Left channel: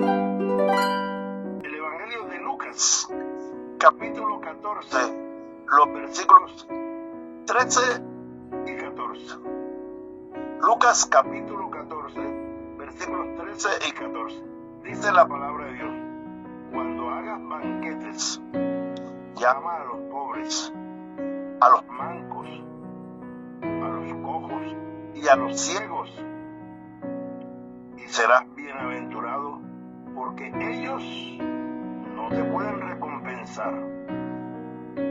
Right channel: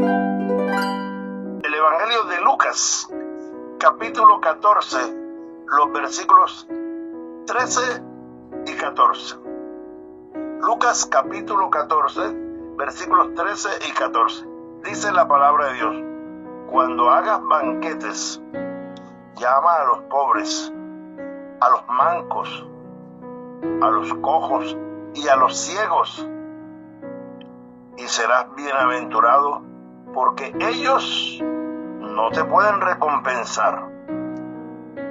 El Evangelio de Lucas, capítulo 14, los versículos 13 y 14. Lucas capítulo 14, versículos 13 y 14. Dice la palabra de Dios: cuando hagas banquetes, llama a los pobres, a los mancos, a los cojos y a los ciegos, y serás bienaventurado, porque ellos no te pueden recompensar,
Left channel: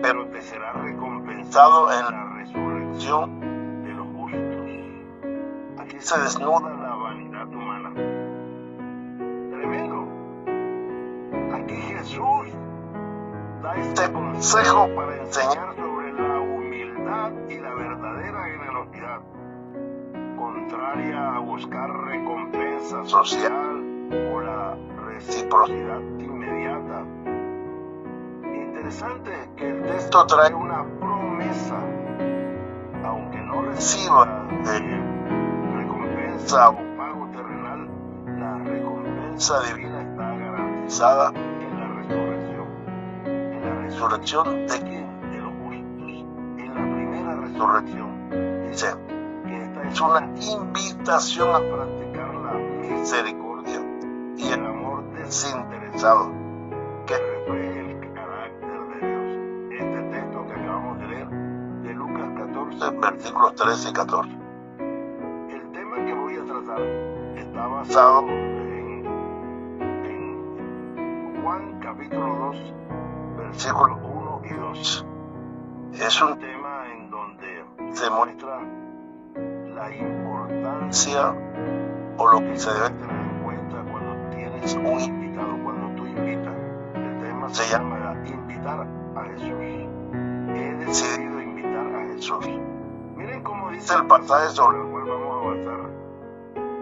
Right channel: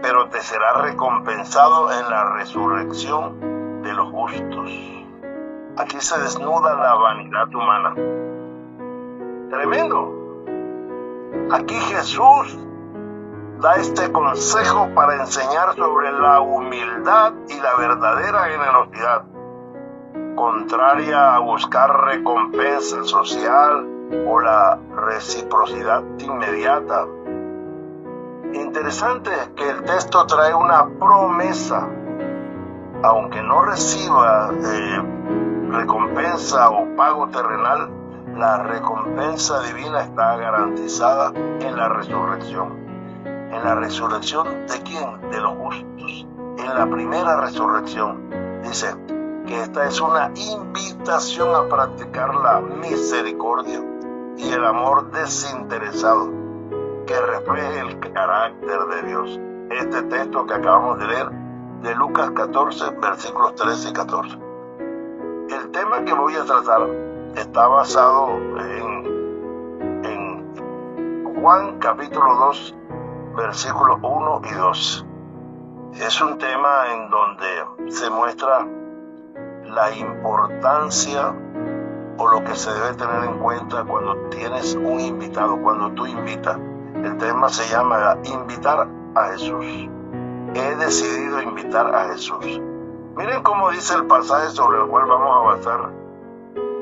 pero te será recompensado en la resurrección de los justos. Aquí se desnuda la vanidad humana. Tremendo. Aquí Jesús da este consejo para enseñar sobre la humildad y la verdadera generosidad, contraria a buscar recompensa social o la reciprocidad inmediata. Interesante que el texto trae una promesa. Aunque no reciba recompensa o pago terrenal, la recompensa divina está garantizada en la resurrección. ¿En la resurrección de quién? De los justos. En la primera resurrección. Dice que esta es una invitación a practicar la misericordia y el amor desinteresado que refleje el carácter de Dios. Este texto que acabamos de leer de Lucas 14, versículos 13 y 14. El tema que voy a tratar está basado en Juan capítulo 2, versículos 1 y 2. Es un tema en donde se muestra la importancia o lo que se debe tener en cuenta cuando tienes un invitado, cuando tú invitas. El tema se llama invitar a Jesús. He decidido invitar a Jesús. Miren cómo dice el pasaje sobre el cual vamos a basar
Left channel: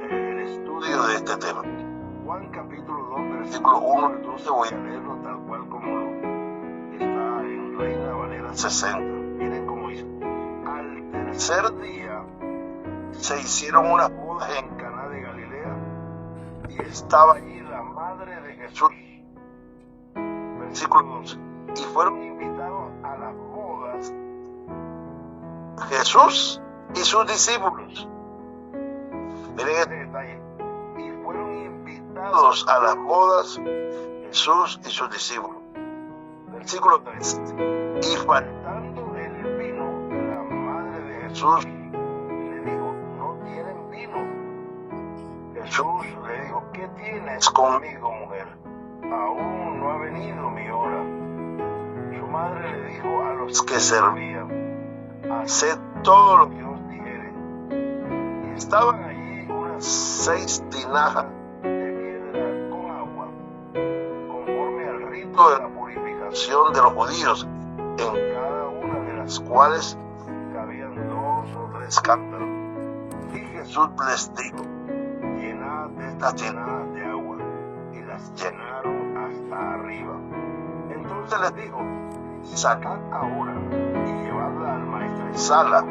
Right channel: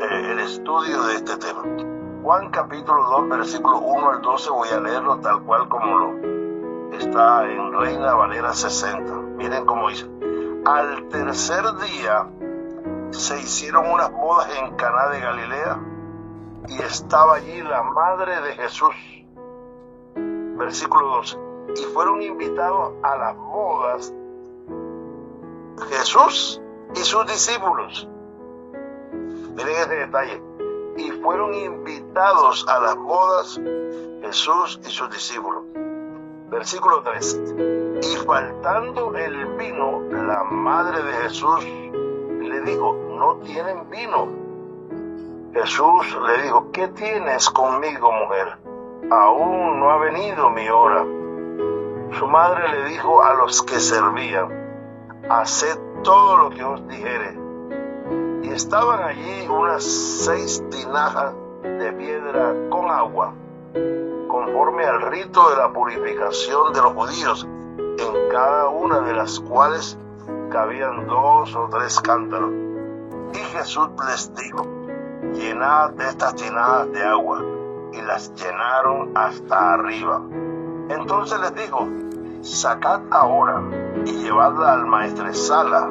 el estudio de este tema. Juan capítulo 2, versículo 1 al 12, voy a leerlo tal cual como lo está en Reina Valera 60. Miren cómo dice: al tercer día se hicieron unas bodas en Caná de Galilea y estaba allí la madre de Jesús. Versículo 12. Y fueron invitados a las bodas Jesús y sus discípulos. Miren este detalle. Y fueron invitados a las bodas Jesús y sus discípulos. Versículo 3. Y faltando el vino, la madre de Jesús le dijo: no tienen vino. Jesús le dijo: ¿qué tienes conmigo, mujer? Aún no ha venido mi hora. Su madre le dijo a los que servían: haced todo lo que os dijere. Y estaban allí unas 6 tinajas de piedra con agua, conforme al rito de la purificación de los judíos, en cada una de las cuales cabían 2 o 3 cántaros. Y Jesús les dijo: llenad estas tinajas de agua. Y las llenaron hasta arriba. Entonces les dijo: sacad ahora y llevadla al maestresala.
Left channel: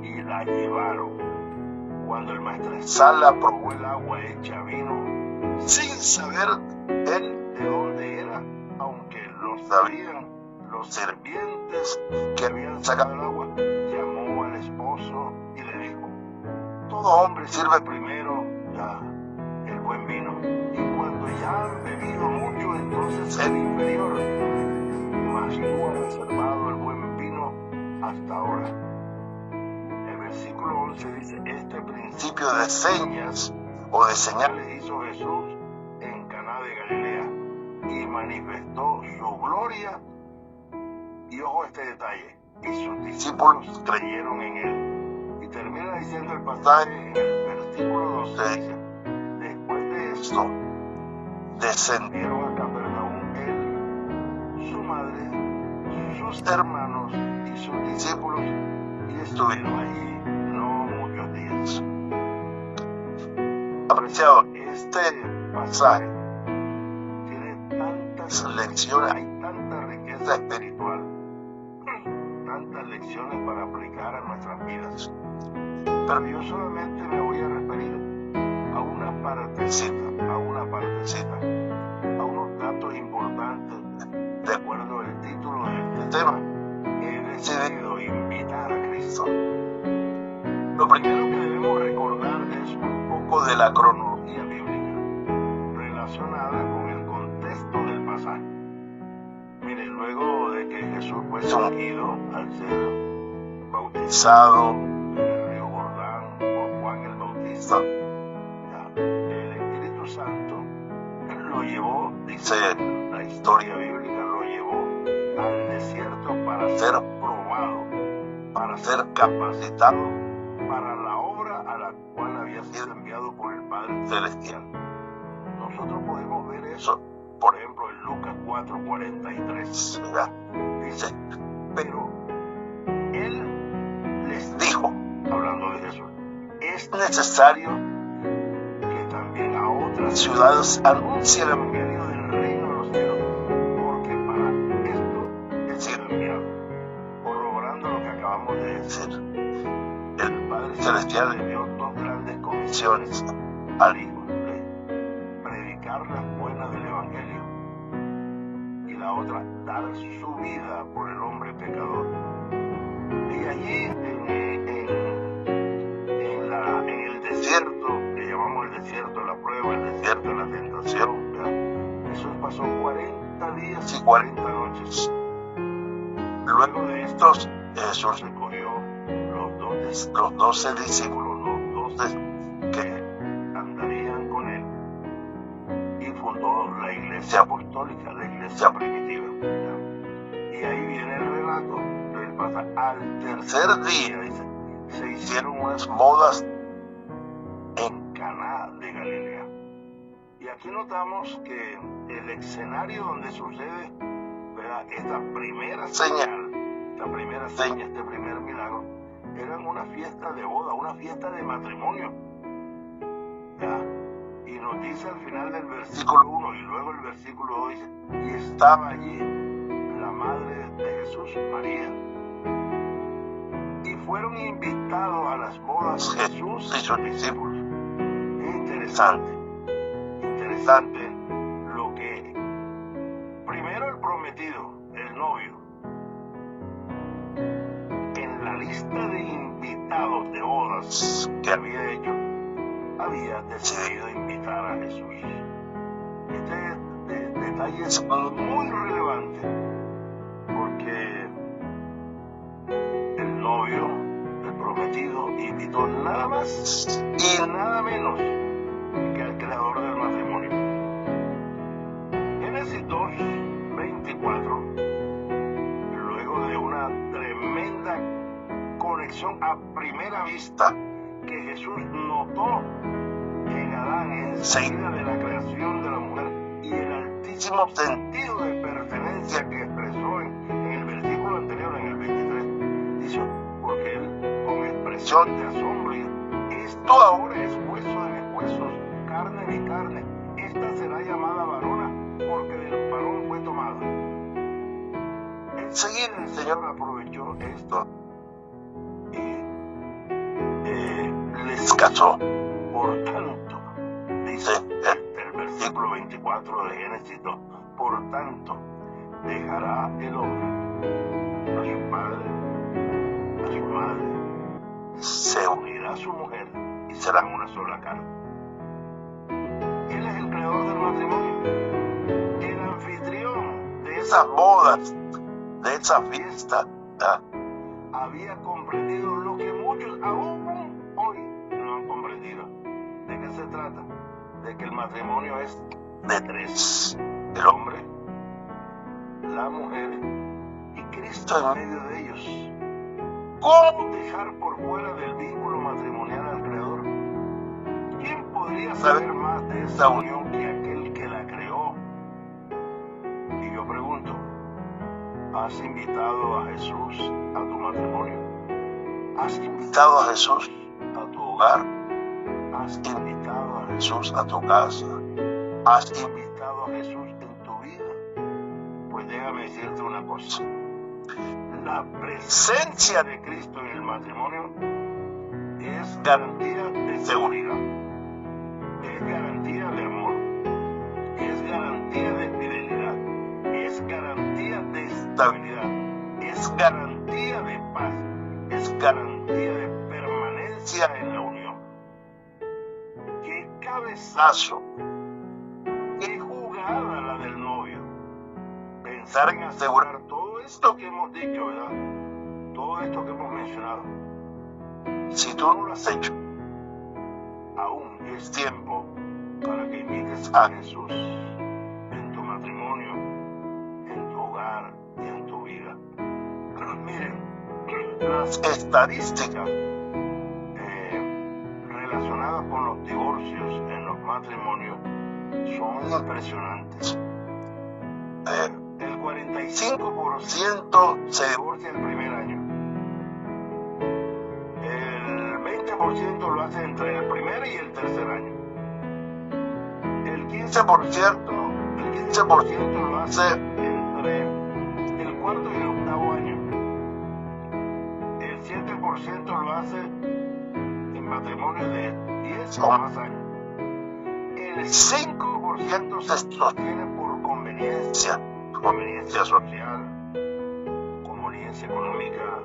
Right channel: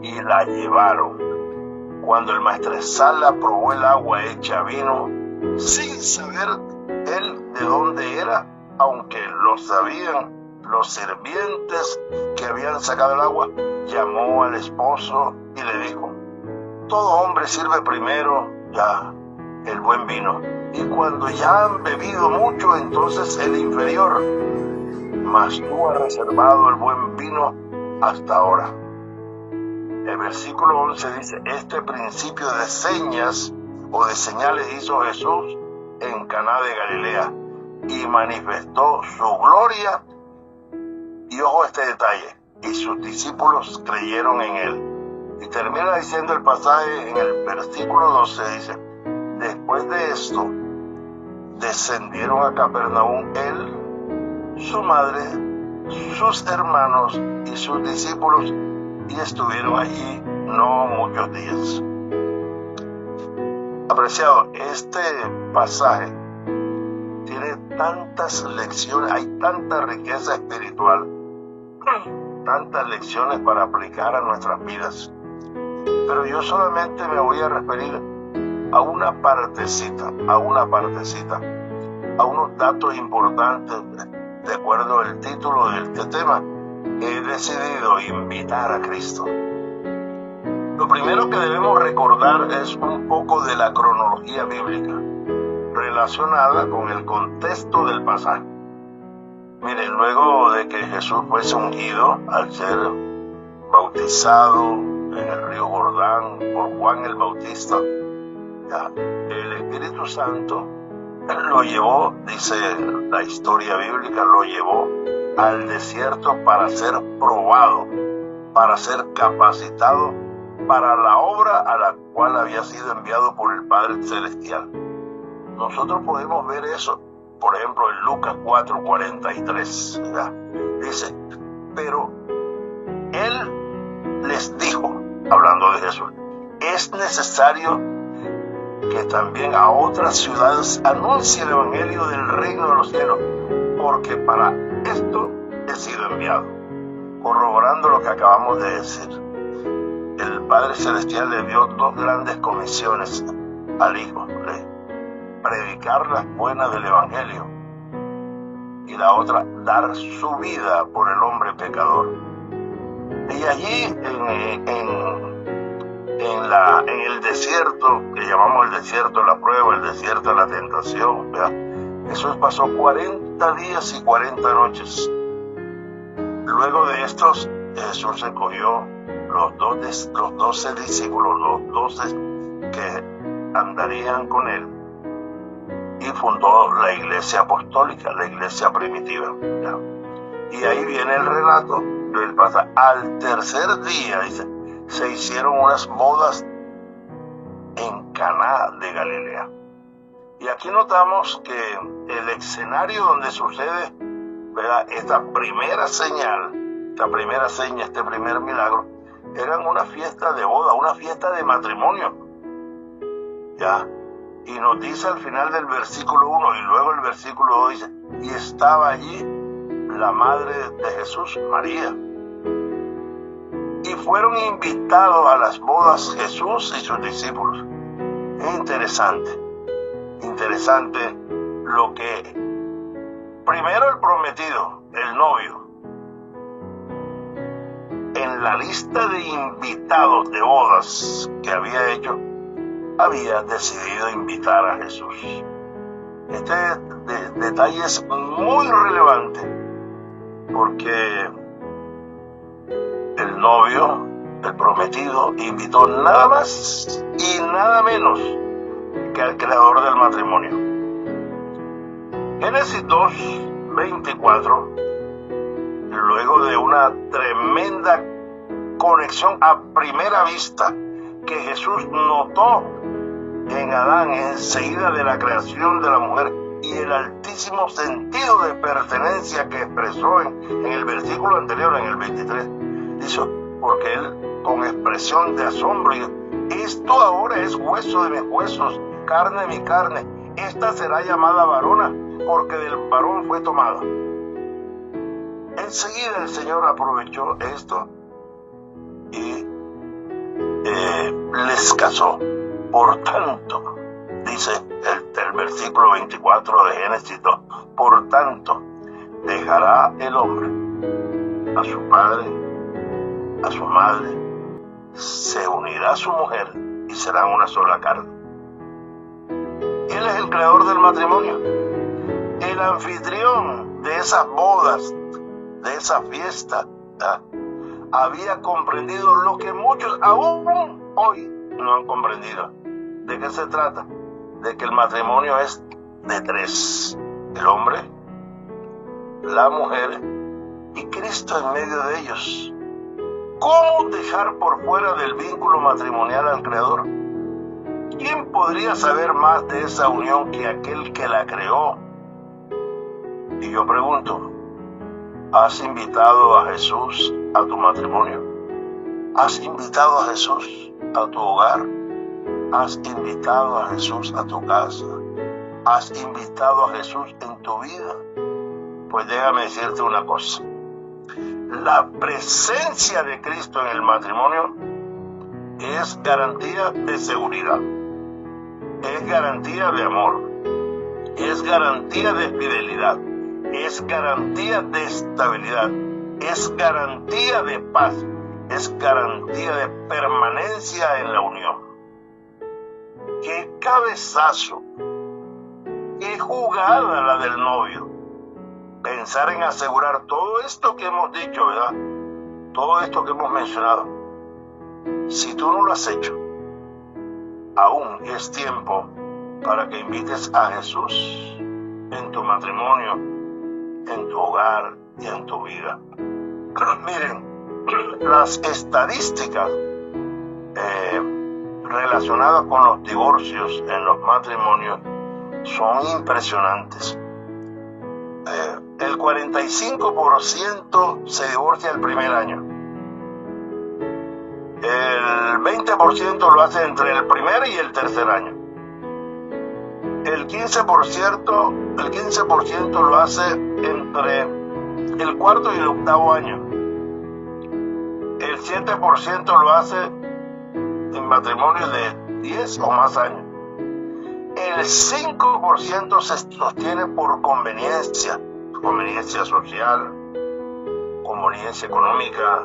Y la llevaron. Cuando el maestresala probó el agua hecha vino, sin saber él de dónde era, aunque lo sabían los sirvientes que habían sacado el agua, llamó al esposo y le dijo: todo hombre sirve primero el buen vino, y cuando ya han bebido mucho, entonces el inferior. Mas tú has reservado el buen vino hasta ahora. El versículo 11 dice: este principio de señas o de señales hizo Jesús en Caná de Galilea y manifestó su gloria. Y ojo este detalle: y sus discípulos creyeron en él. Y termina diciendo el pasaje en el versículo 12, dice: después de esto descendieron a Capernaum él, su madre, sus hermanos y sus discípulos, y estuvieron allí no muchos días. Apreciado, este pasaje tiene tantas lecciones, hay tanta riqueza espiritual, tantas lecciones para aplicar a nuestras vidas. Pero yo solamente me voy a referir a una partecita, a unos datos importantes de acuerdo al título de este tema. He decidido invitar a Cristo. Lo primero que debemos recordar es un poco de la cronología bíblica relacionada con el contexto del pasaje. Miren, luego de que Jesús fuese ungido al ser bautizado en el río Jordán por Juan el Bautista, el Espíritu Santo lo llevó, dice la historia bíblica, lo llevó al desierto para ser probado, para ser capacitado para la obra a la cual había sido enviado por el Padre Celestial. Nosotros podemos ver eso, por ejemplo, en Lucas 4:43, ¿verdad? Dice, pero Él les dijo, hablando de Jesús, es necesario que también a otras ciudades anuncie el Evangelio del reino de los cielos, porque para esto he sido enviado. Corroborando lo que acabamos de decir, el Padre Celestial le dio dos grandes comisiones al Hijo: predicar las buenas del Evangelio, y la otra, dar su vida por el hombre pecador. Y allí en el desierto, que llamamos el desierto de la prueba, el desierto de la tentación, ¿verdad? Jesús pasó 40 días y 40 noches. Luego de estos, Jesús escogió los 12 discípulos, los 12 que andarían con él, y fundó la iglesia apostólica, la iglesia primitiva, ¿ya? Y ahí viene el relato del pasaje. Al tercer día, dice, se hicieron unas bodas en Caná de Galilea. Y aquí notamos que el escenario donde sucede, ¿verdad?, esta primera seña, este primer milagro, eran una fiesta de boda, una fiesta de matrimonio, ¿ya? Y nos dice al final del versículo 1 y luego el versículo 2 dice, y estaba allí la madre de Jesús, María. Y fueron invitados a las bodas Jesús y sus discípulos. Es interesante lo que primero el prometido, el novio, en la lista de invitados de bodas que había hecho, había decidido invitar a Jesús. Este detalle es muy relevante porque el novio, el prometido, invitó nada más y nada menos que al creador del matrimonio. Génesis 2:24, luego de una tremenda conexión a primera vista que Jesús notó en Adán enseguida de la creación de la mujer, y el altísimo sentido de pertenencia que expresó en el versículo anterior, en el 23, dice, porque él con expresión de asombro dijo, esto ahora es hueso de mis huesos, carne de mi carne, esta será llamada varona, porque del varón fue tomada. Enseguida el Señor aprovechó esto y les casó. Por tanto, dice el versículo 24 de Génesis 2, por tanto, dejará el hombre a su padre, a su madre, se unirá a su mujer y serán una sola carne. Él es el creador del matrimonio, el anfitrión de esas bodas, de esa fiesta. Había comprendido lo que muchos aún hoy no han comprendido. ¿De qué se trata? De que el matrimonio es de tres: el hombre, la mujer y Cristo en medio de ellos. ¿Cómo dejar por fuera del vínculo matrimonial al Creador? ¿Quién podría saber más de esa unión que aquel que la creó? Y yo pregunto, ¿has invitado a Jesús a tu matrimonio? ¿Has invitado a Jesús a tu hogar? ¿Has invitado a Jesús a tu casa? ¿Has invitado a Jesús en tu vida? Pues déjame decirte una cosa. La presencia de Cristo en el matrimonio es garantía de seguridad. garantía de amor, es garantía de fidelidad, es garantía de estabilidad, es garantía de paz, es garantía de permanencia en la unión. ¡Qué cabezazo! ¡Qué jugada la del novio! Pensar en asegurar todo esto que hemos dicho, ¿verdad? Todo esto que hemos mencionado. Si tú no lo has hecho, aún es tiempo para que invites a Jesús en tu matrimonio, en tu hogar y en tu vida. Miren, las estadísticas relacionadas con los divorcios en los matrimonios son impresionantes. El 45% se divorcia el primer año. El 20% lo hace entre el primer y el tercer año. El 15% lo hace entre el cuarto y el octavo año. El 7% lo hace en matrimonios de 10 o más años. El 5% se sostiene por conveniencia social, conveniencia económica,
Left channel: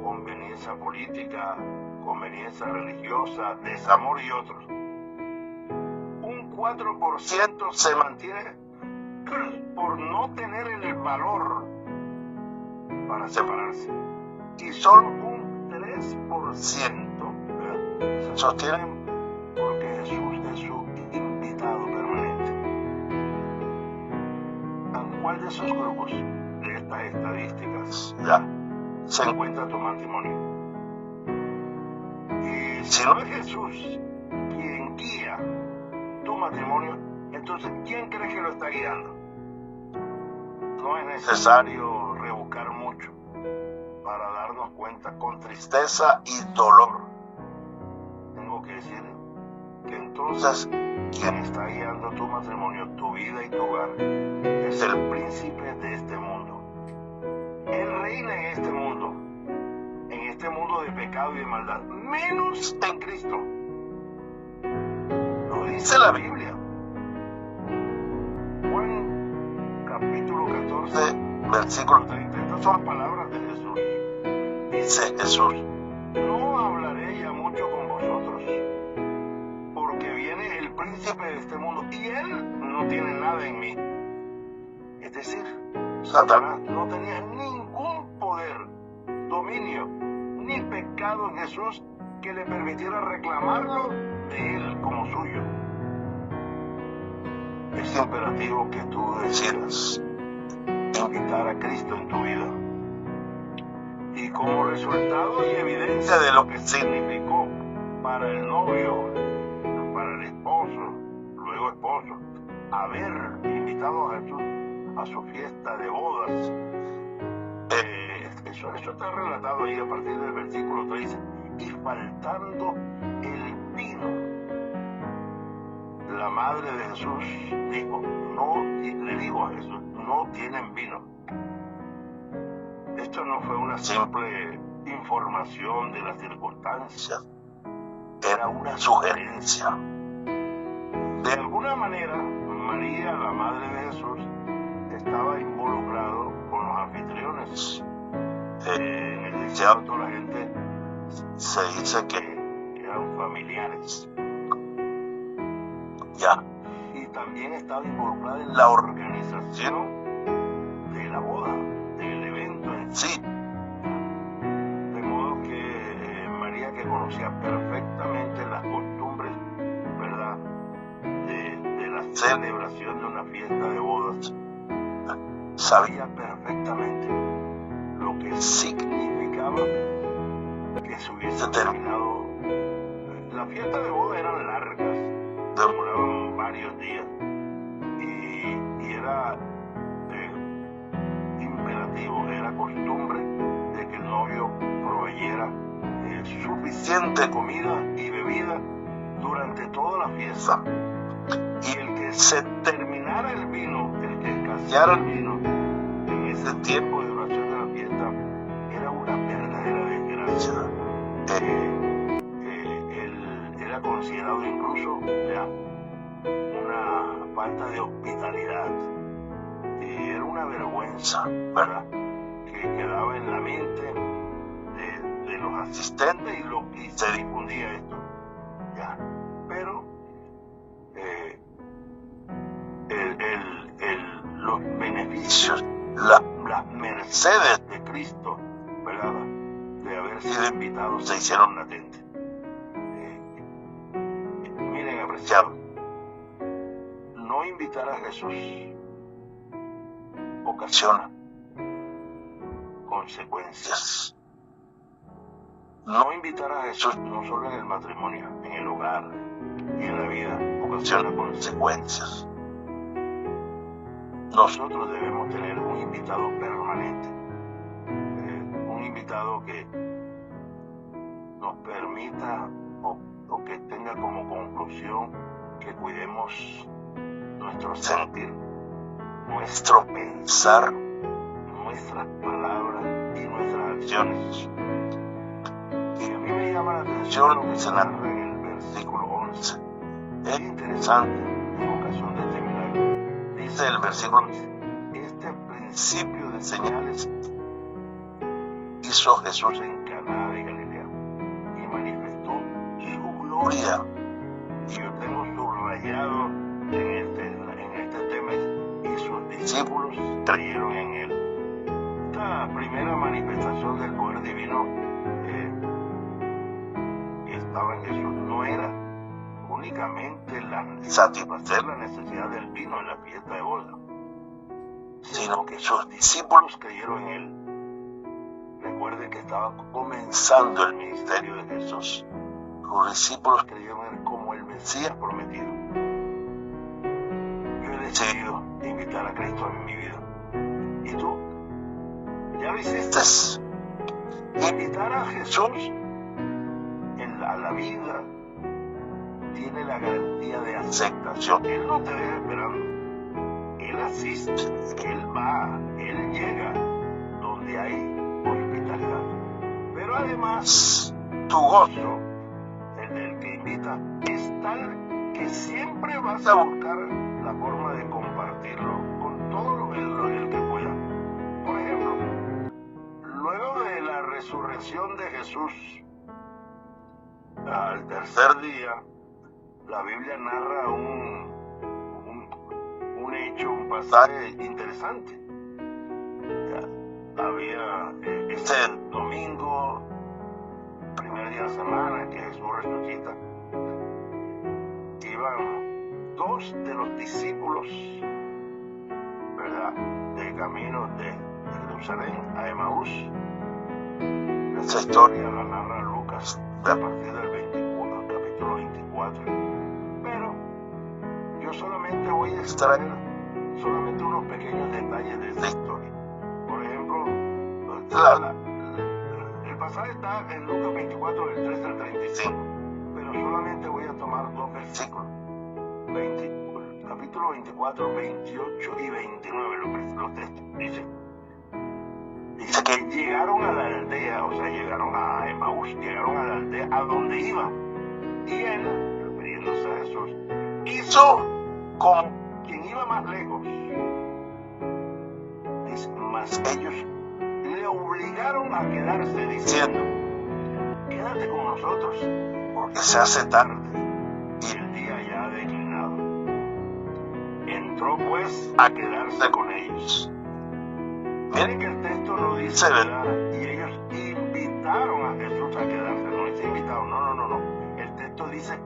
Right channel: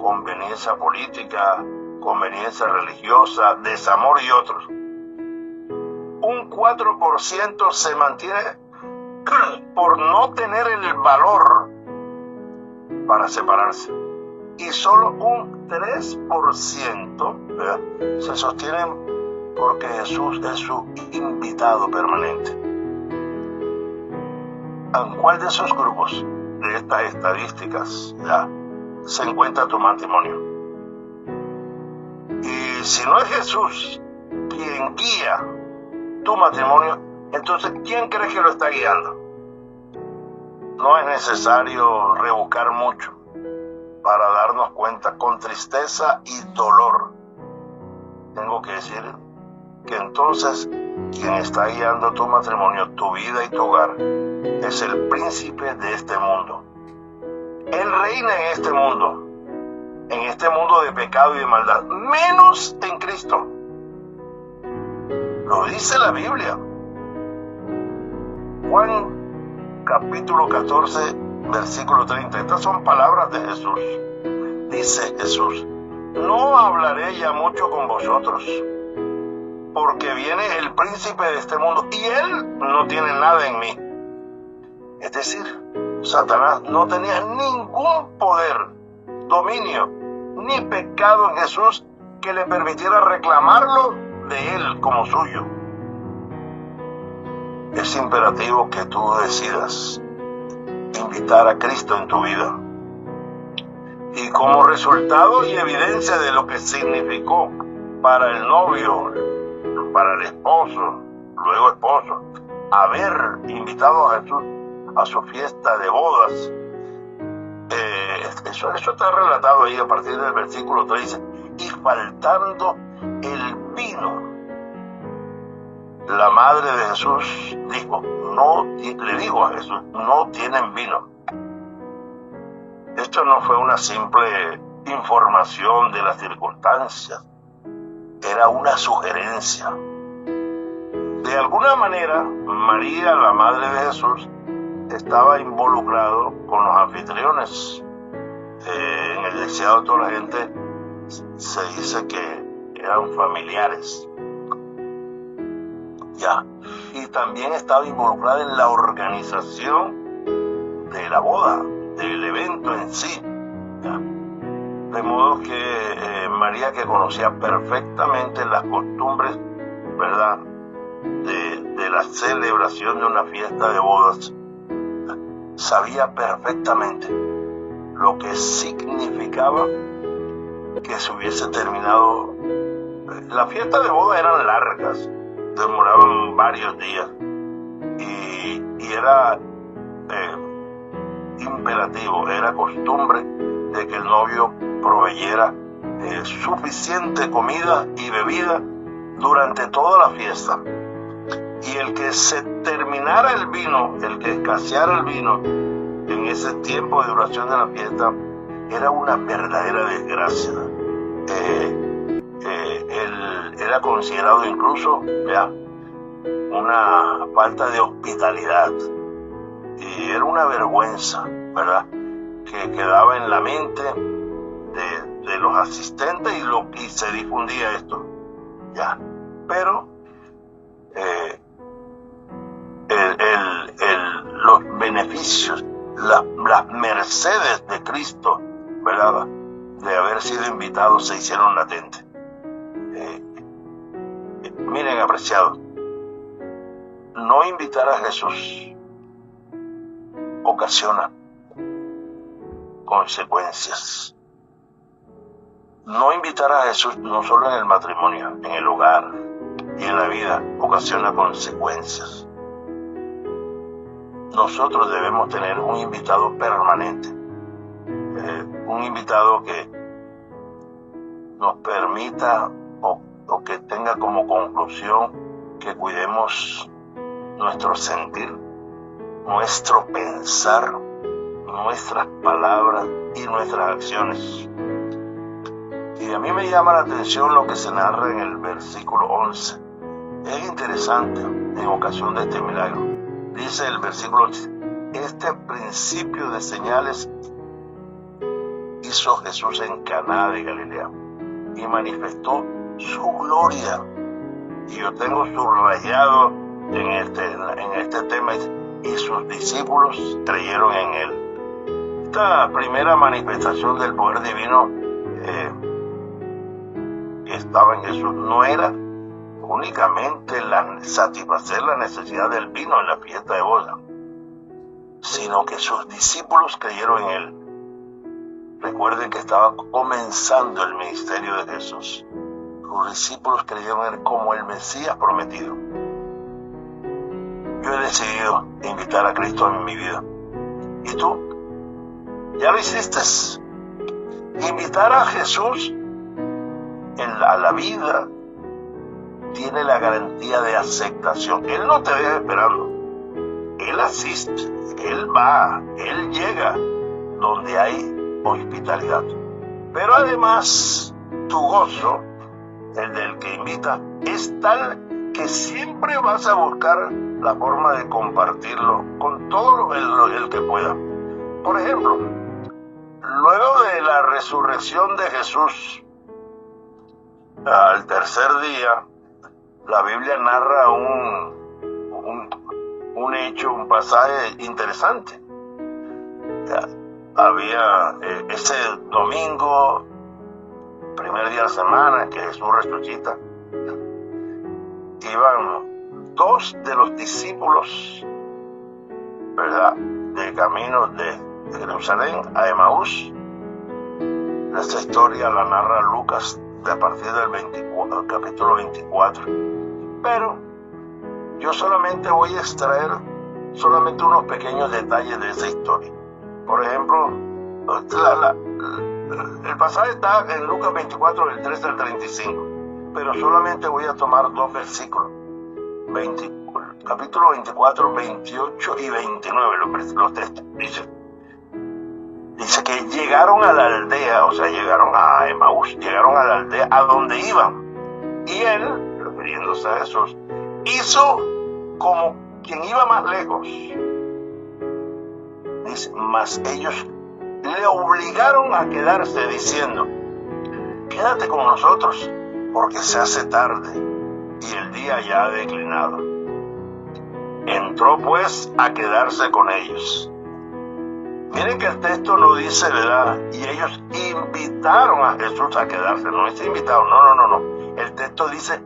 conveniencia política, conveniencia religiosa, desamor y otros. Un 4% se mantiene por no tener el valor para separarse. Y solo un 3% se sostienen porque Jesús es su invitado permanente. ¿En cuál de esos grupos de estas estadísticas ya se encuentra tu matrimonio? Y si no es Jesús quien guía tu matrimonio, entonces ¿quién crees que lo está guiando? No es necesario rebuscar mucho para darnos cuenta con tristeza y dolor. Tengo que decir que entonces quien está guiando tu matrimonio, tu vida y tu hogar es el príncipe de este mundo. Él reina en este mundo de pecado y de maldad, menos en Cristo. Lo dice la Biblia. Juan capítulo 14, versículo 30. Estas son palabras de Jesús. Dice Jesús: no hablaré ya mucho con vosotros, porque viene el príncipe de este mundo y él no tiene nada en mí. Es decir, Satanás no tenía ningún poder, dominio, ni pecado en Jesús que le permitiera reclamarlo de él como suyo. Es imperativo que tú decidas invitar a Cristo en tu vida. Y como resultado y evidencia de lo que significó para el novio, para el esposo, luego esposo, haber invitado a Jesús a su fiesta de bodas. Eso está relatado ahí a partir del versículo 13. Y faltando el vino, la madre de Jesús le dijo a Jesús: no tienen vino. Esto no fue una simple información de las circunstancias, era una sugerencia. De alguna manera, María, la madre de Jesús, estaba involucrado con los anfitriones. En el deseado de toda la gente se dice que eran familiares. Y también estaba involucrada en la organización de la boda, del evento en sí. De modo que María, que conocía perfectamente las costumbres, ¿verdad?, de la celebración de una fiesta de bodas, sabía perfectamente lo que significaba que se hubiese terminado. Las fiestas de boda eran largas, demoraban varios días, y era imperativo, era costumbre de que el novio proveyera suficiente comida y bebida durante toda la fiesta. Y el que se terminara el vino, el que escaseara el vino en ese tiempo de duración de la fiesta, era una verdadera desgracia. Él era considerado incluso una falta de hospitalidad. Y era una vergüenza, ¿verdad?, que quedaba en la mente de los asistentes y se difundía esto. Ya. Pero los beneficios, las mercedes de Cristo, ¿verdad?, de haber sido invitados, se hicieron latentes. Miren, apreciados, no invitar a Jesús ocasiona consecuencias. No invitar a Jesús, no solo en el matrimonio, en el hogar y en la vida, ocasiona consecuencias. Nosotros debemos tener un invitado permanente, un invitado que nos permita o que tenga como conclusión que cuidemos nuestro sentir, nuestro pensar, nuestras palabras y nuestras acciones. Y a mí me llama la atención lo que se narra en el versículo 11. Es interesante en ocasión de este milagro. Dice el versículo 11: este principio de señales hizo Jesús en Caná de Galilea y manifestó su gloria. Y yo tengo subrayado en este tema: y sus discípulos creyeron en él. Esta primera manifestación del poder divino que estaba en Jesús no era únicamente satisfacer la necesidad del vino en la fiesta de boda, sino que sus discípulos creyeron en él. Recuerden que estaba comenzando el ministerio de Jesús. Sus discípulos creyeron en él como el Mesías prometido. Yo he decidido invitar a Cristo en mi vida. ¿Y tú? ¿Ya lo hiciste? Invitar a Jesús a la vida tiene la garantía de aceptación. Él no te deja esperando. Él asiste, Él va, Él llega donde hay hospitalidad. Pero además, tu gozo, el del que invita, es tal que siempre vas a buscar la forma de compartirlo con todo el que pueda. Por ejemplo, luego de la resurrección de Jesús, al tercer día, la Biblia narra un hecho, un pasaje interesante. Había ese domingo, primer día de la semana, que Jesús resucita. Iban dos de los discípulos, ¿verdad?, de camino de Jerusalén a Emaús. Esa historia la narra Lucas a partir del capítulo 24. Pero yo solamente voy a extraer unos pequeños detalles de esa historia. Por ejemplo, el pasaje está en Lucas 24, del 13 al 35, pero solamente voy a tomar dos versículos, capítulo 24, 28 y 29, los textos. Dice que llegaron a la aldea, o sea, llegaron a Emaús, llegaron a la aldea a donde iban. Y él, refiriéndose a Jesús, hizo como quien iba más lejos. Dice, mas ellos le obligaron a quedarse, diciendo: quédate con nosotros, porque se hace tarde y el día ya ha declinado. Entró pues a quedarse con ellos. Miren que el texto no dice, ¿verdad?, y ellos invitaron a Jesús a quedarse. No es invitado, no. El texto dice,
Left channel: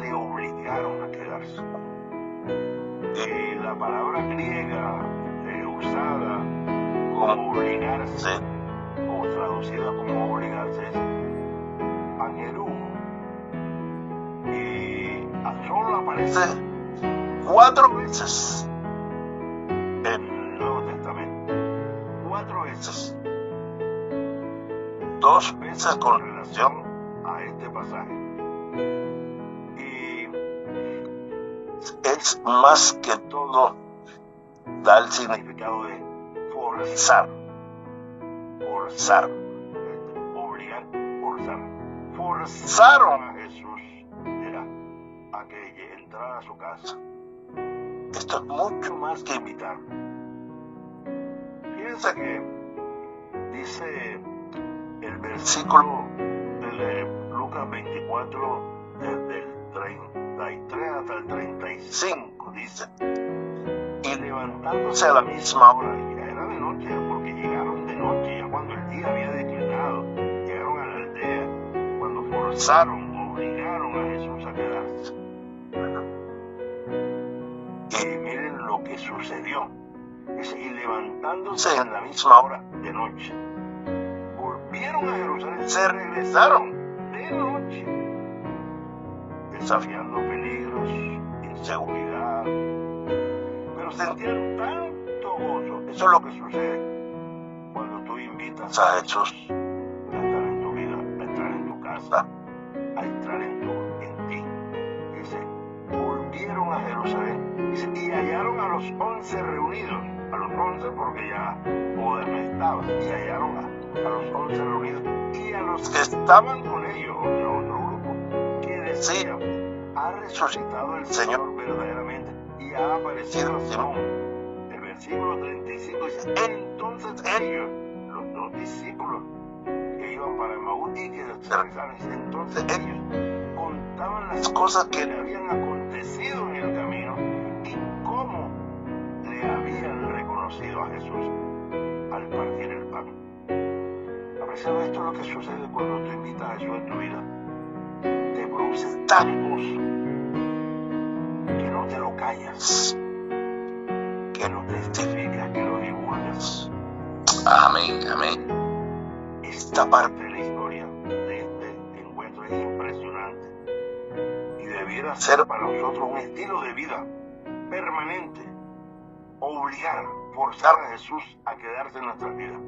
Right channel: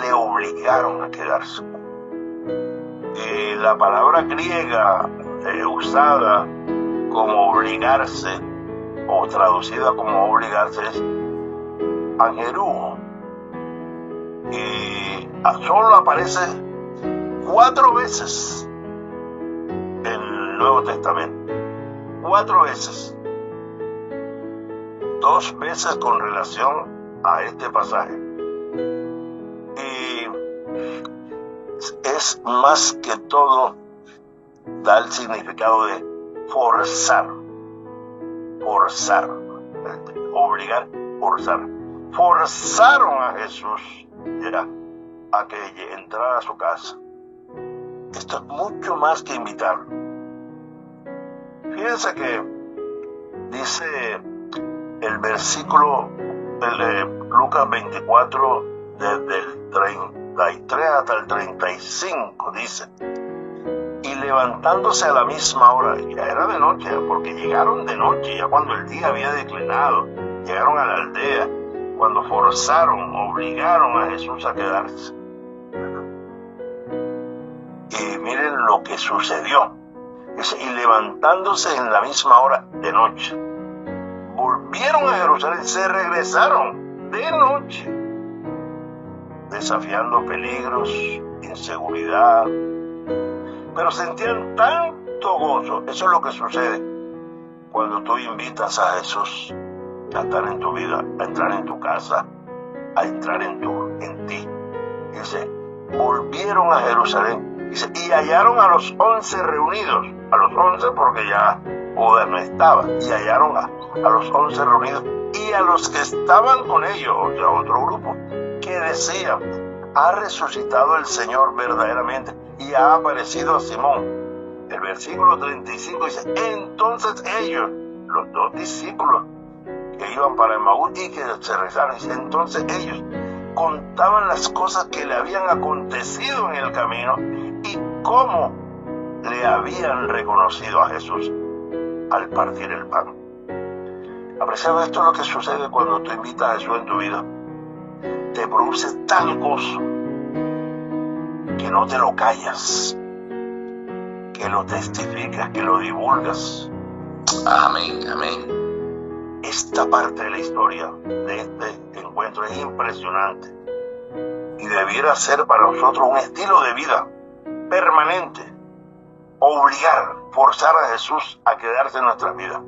le obligaron a quedarse. La palabra griega usada como obligarse, o traducida como obligarse, es angerú. Y solo aparece 4 veces en el Nuevo Testamento. 4 veces. 2 veces con relación a este pasaje. Y es más que todo, da el significado de forzar, obligar, forzar. Forzaron a Jesús a que entrara a su casa. Esto es mucho más que invitarlo. Fíjense que dice el versículo de Lucas 24, desde el 33 hasta el 35, dice: y levantándose a la misma hora, ya era de noche, porque llegaron de noche, ya cuando el día había declinado, llegaron a la aldea, cuando obligaron a Jesús a quedarse. Y miren lo que sucedió. Dice, y levantándose en la misma hora de noche, volvieron a Jerusalén, se regresaron de noche, desafiando peligros, inseguridad, pero sentían tanto gozo. Eso es lo que sucede cuando tú invitas a Jesús a estar en tu vida, a entrar en tu casa, a entrar en ti. Dice, volvieron a Jerusalén, dice, y hallaron a los 11 reunidos, a los 11 porque ya Judas no estaba, y hallaron a los 11 reunidos y a los que estaban con ellos, o sea, otro grupo, que decían, ha resucitado el Señor verdaderamente y ha aparecido a Simón. El versículo 35 dice, entonces ellos, los 2 discípulos que iban para Emaús y que se regresaron, dice, entonces ellos contaban las cosas que le habían acontecido en el camino y cómo le habían reconocido a Jesús al partir el pan. Apreciado, esto es lo que sucede cuando tú invitas a Jesús en tu vida. Te produce tal gozo que no te lo callas, que lo testificas, que lo divulgas. Amén, amén. Esta parte de la historia de este encuentro es impresionante y debiera ser para nosotros un estilo de vida permanente, forzar a Jesús a quedarse en nuestras vidas.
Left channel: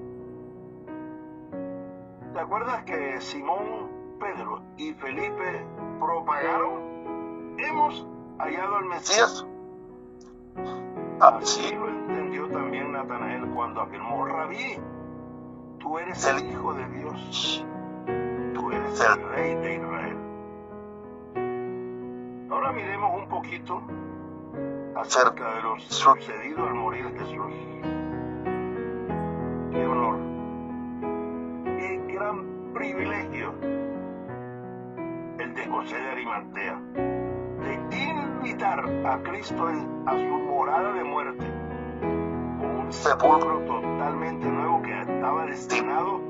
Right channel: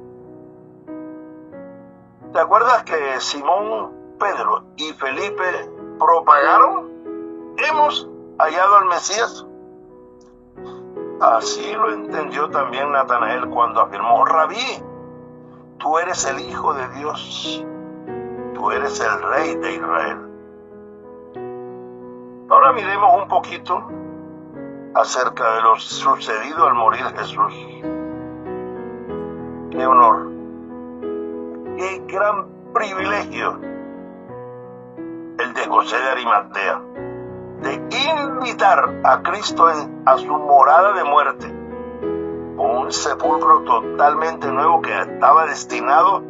¿Te acuerdas que Simón, Pedro y Felipe propagaron? Hemos hallado al Mesías. Así lo entendió también Natanael cuando afirmó, Rabí, tú eres el Hijo de Dios, tú eres el Rey de Israel. Ahora miremos un poquito acerca de lo sucedido al morir Jesús. Qué honor, qué gran privilegio el de José de Arimatea, de invitar a Cristo a su morada de muerte, un sepulcro totalmente nuevo que estaba destinado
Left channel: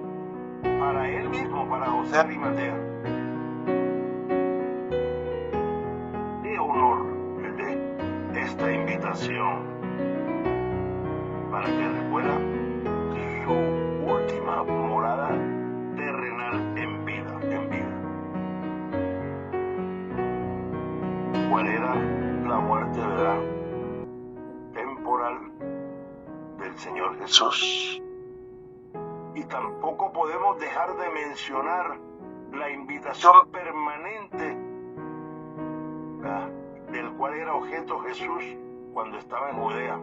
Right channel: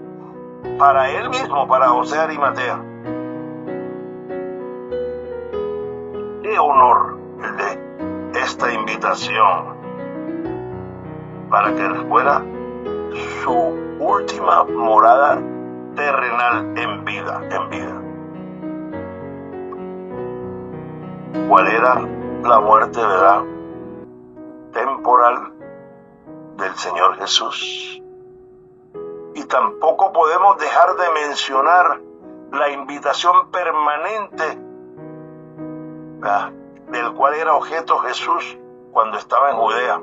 para él mismo, para José de Arimatea. Qué honor el de esta invitación para que fuera su última morada terrenal en vida. ¿Cuál era la muerte, verdad, temporal del Señor Jesús? Y tampoco podemos dejar de mencionar la invitación permanente, ¿verdad?, del cual era objeto Jesús cuando estaba en Judea.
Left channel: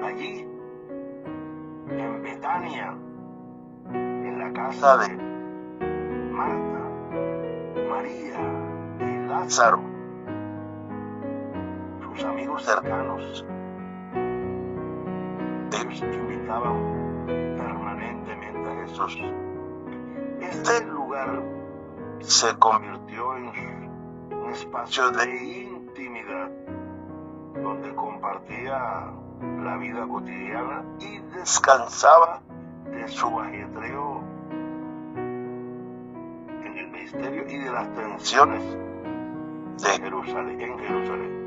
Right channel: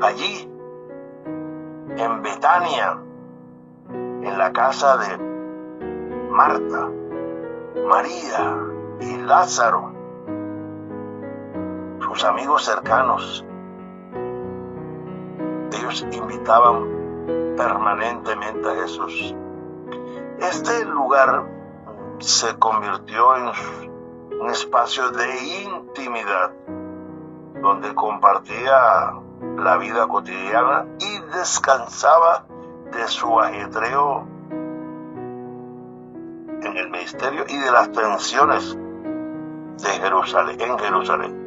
Allí, en Betania, en la casa de Marta, María y Lázaro, sus amigos cercanos, ellos invitaban permanentemente a Jesús. Este lugar se convirtió en un espacio de intimidad, donde compartía la vida cotidiana y descansaba de su ajetreo en el ministerio y de las tensiones de Jerusalén, en Jerusalén.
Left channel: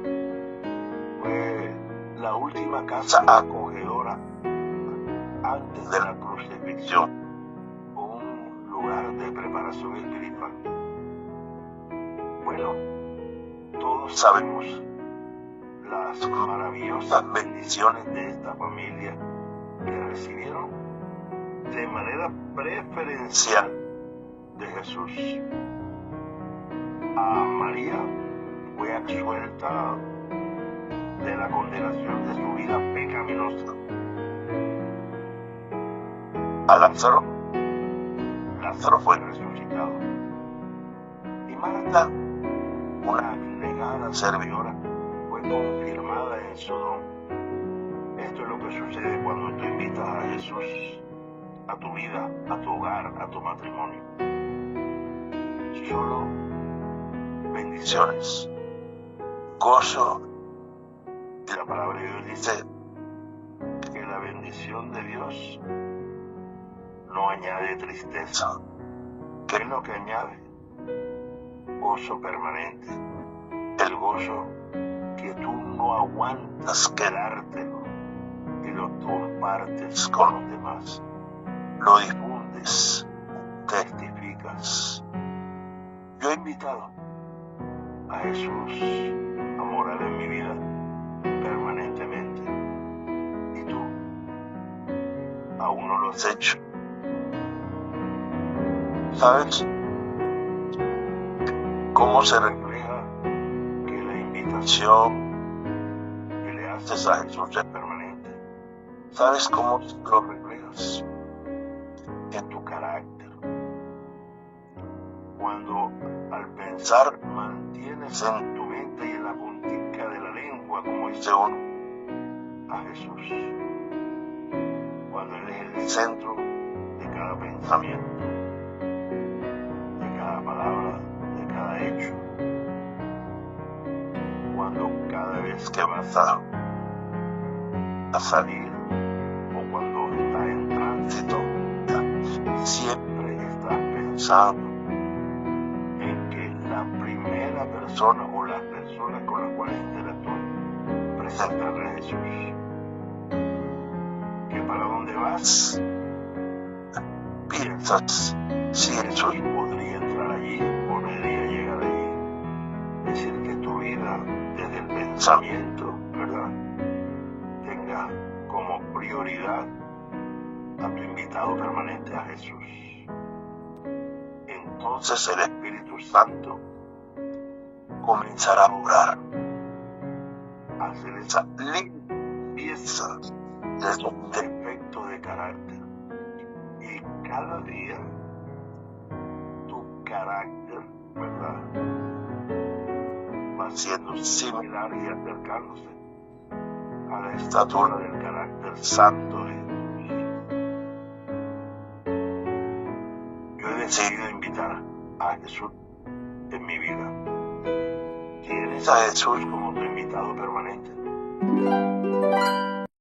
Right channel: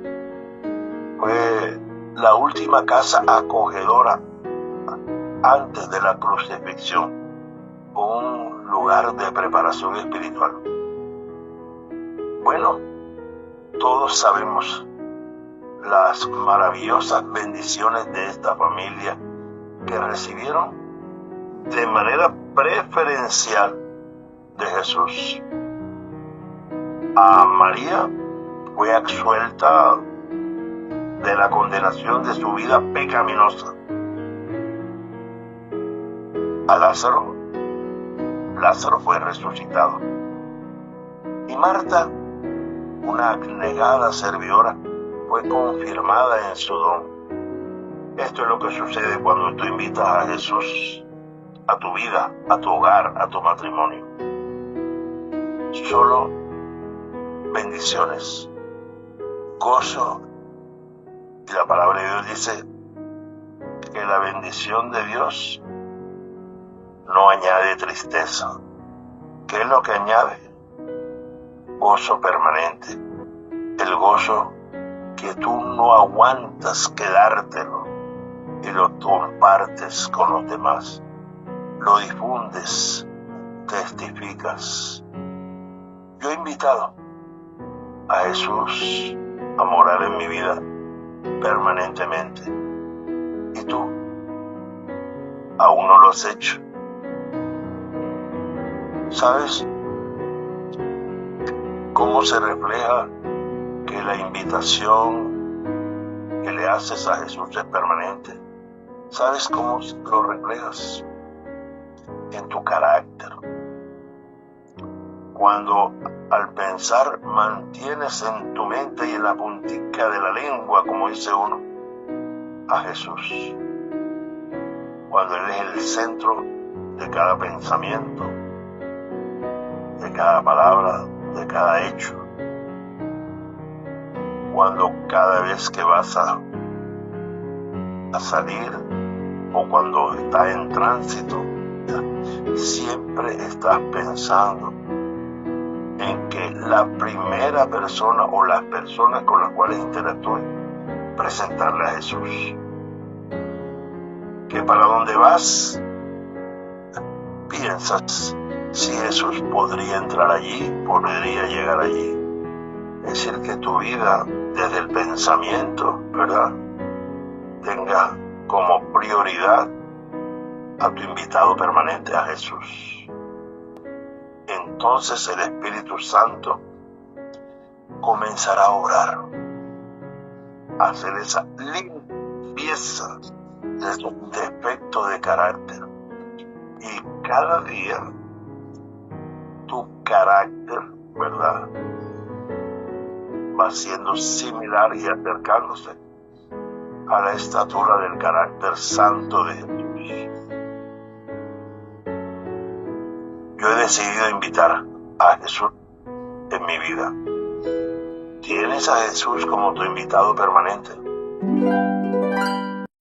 Fue la última casa acogedora antes de la crucifixión, un lugar de preparación espiritual. Bueno, todos sabemos las maravillosas bendiciones de esta familia que recibieron de manera preferencial de Jesús. A María fue absuelta de la condenación de su vida pecaminosa. A Lázaro fue resucitado. Y Marta una abnegada servidora, fue confirmada en su don. Esto es lo que sucede cuando tú invitas a Jesús a tu vida, a tu hogar, a tu matrimonio. Solo bendiciones, gozo, y la palabra de Dios dice que la bendición de Dios no añade tristeza. ¿Qué es lo que añade? Gozo permanente. El gozo que tú no aguantas quedártelo y lo compartes con los demás. Lo difundes, testificas. Yo he invitado a Jesús a morar en mi vida permanentemente. ¿Y tú? ¿Aún no lo has hecho? ¿Sabes cómo se refleja que la invitación que le haces a Jesús es permanente? ¿Sabes cómo lo reflejas? En tu carácter. Cuando al pensar mantienes en tu mente y en la puntica de la lengua, como dice uno, a Jesús. Cuando Él es el centro de cada pensamiento, de cada palabra, de cada hecho. Cuando cada vez que vas a salir o cuando estás en tránsito, siempre estás pensando en que la primera persona o las personas con las cuales interactúes, presentarle a Jesús. Que para donde vas, piensas si Jesús podría entrar allí, podría llegar allí. Es decir, que tu vida, desde el pensamiento, ¿verdad?, tenga como prioridad a tu invitado permanente, a Jesús. Entonces el Espíritu Santo comenzará a obrar, a hacer esa limpieza de esos defectos de carácter. Y cada día tu carácter, ¿verdad?, va siendo similar y acercándose a la estatura del carácter santo de Jesús. Yo he decidido invitar a Jesús en mi vida. ¿Tienes a Jesús como tu invitado permanente?